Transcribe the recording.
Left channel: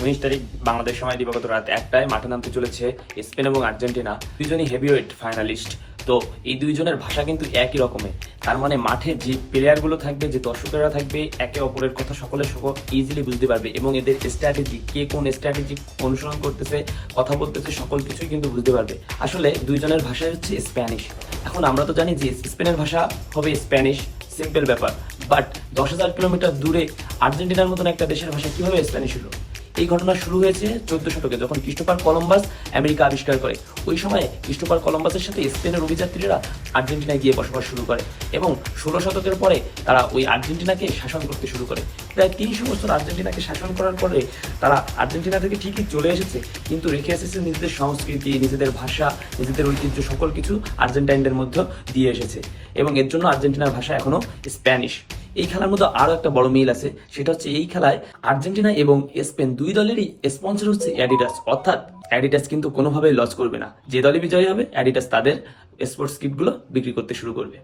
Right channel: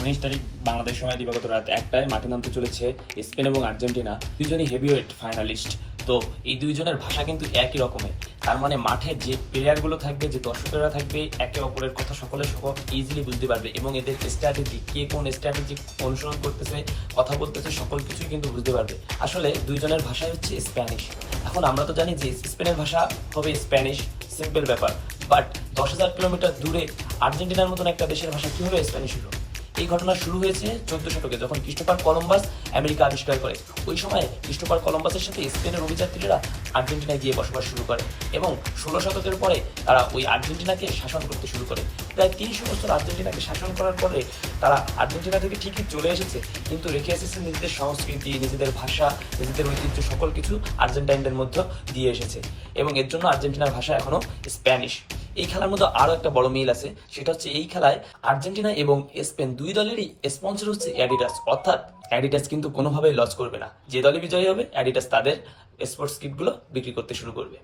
19 তারিখ বাংলাদেশ সময় দিবাগত রাত 1টায় মাঠে নামতে চলেছে স্পেন এবং আর্জেন্টিনা, দুইজনই হেভিওয়েট ফাইনালিস্ট। তো এই দুইজনের ভাষা কিন্তু একই রকমের। তার মানে মাঠে যে প্লেয়ারগুলো থাকবে, যে দর্শকেরা থাকবে, একে অপরের কথা সকলে ইজিলি বুঝতে পারবে এবং এদের স্ট্র্যাটেজি, কে কোন স্ট্র্যাটেজি অনুসরণ করতেছে, কথা বলতেছে, সকল কিছুই কিন্তু বুঝতে পারবে। আসলে দুইজনের ভাষাই হচ্ছে স্প্যানিশ। এখন আমরা তো জানি যে স্পেনের ভাষা হবে স্প্যানিশ, সিম্পল ব্যাপার। বাট 10,000 কিলোমিটার দূরে আর্জেন্টিনার মতন একটা দেশের ভাষা কিভাবে স্প্যানিশ হলো? এই ঘটনা শুরু হয়েছে 14 শতকে, যখন ক্রিস্টোফার কলম্বাস আমেরিকা আবিষ্কার করে। ওই সময় ক্রিস্টোফার কলম্বাসের সাথে স্পেনের অভিযাত্রীরা আর্জেন্টিনায় গিয়ে বসবাস শুরু করে এবং 16 শতকের পরে তারা ওই আর্জেন্টিনাকে শাসন করতে শুরু করে। প্রায় 300 বছর আর্জেন্টিনাকে শাসন করার পরে তারা আর্জেন্টিনা থেকে ঠিকই চলে এসেছে, কিন্তু রেখে এসেছে নিজেদের সংস্কৃতি, নিজেদের ভাষা, নিজেদের ঐতিহ্য, সকল কিছু আর্জেন্টাইনদের মধ্যে দিয়ে এসেছে এবং এর জন্য আর্জেন্টিনার ভাষা এখনো স্প্যানিশ। এই খেলার মধ্যে আরো একটা বড় মিল আছে, সেটা হচ্ছে এই খেলায় আর্জেন্টিনা এবং স্পেন দুই দলেরই স্পন্সর হচ্ছে অ্যাডিডাস। অর্থাৎ অ্যাডিডাস কিন্তু কোনোভাবেই লস করবে না। যে দলই বিজয়ী হবে অ্যাডিডাস তাদের স্পোর্টস কিটগুলো বিক্রি করতে শুরু করবে।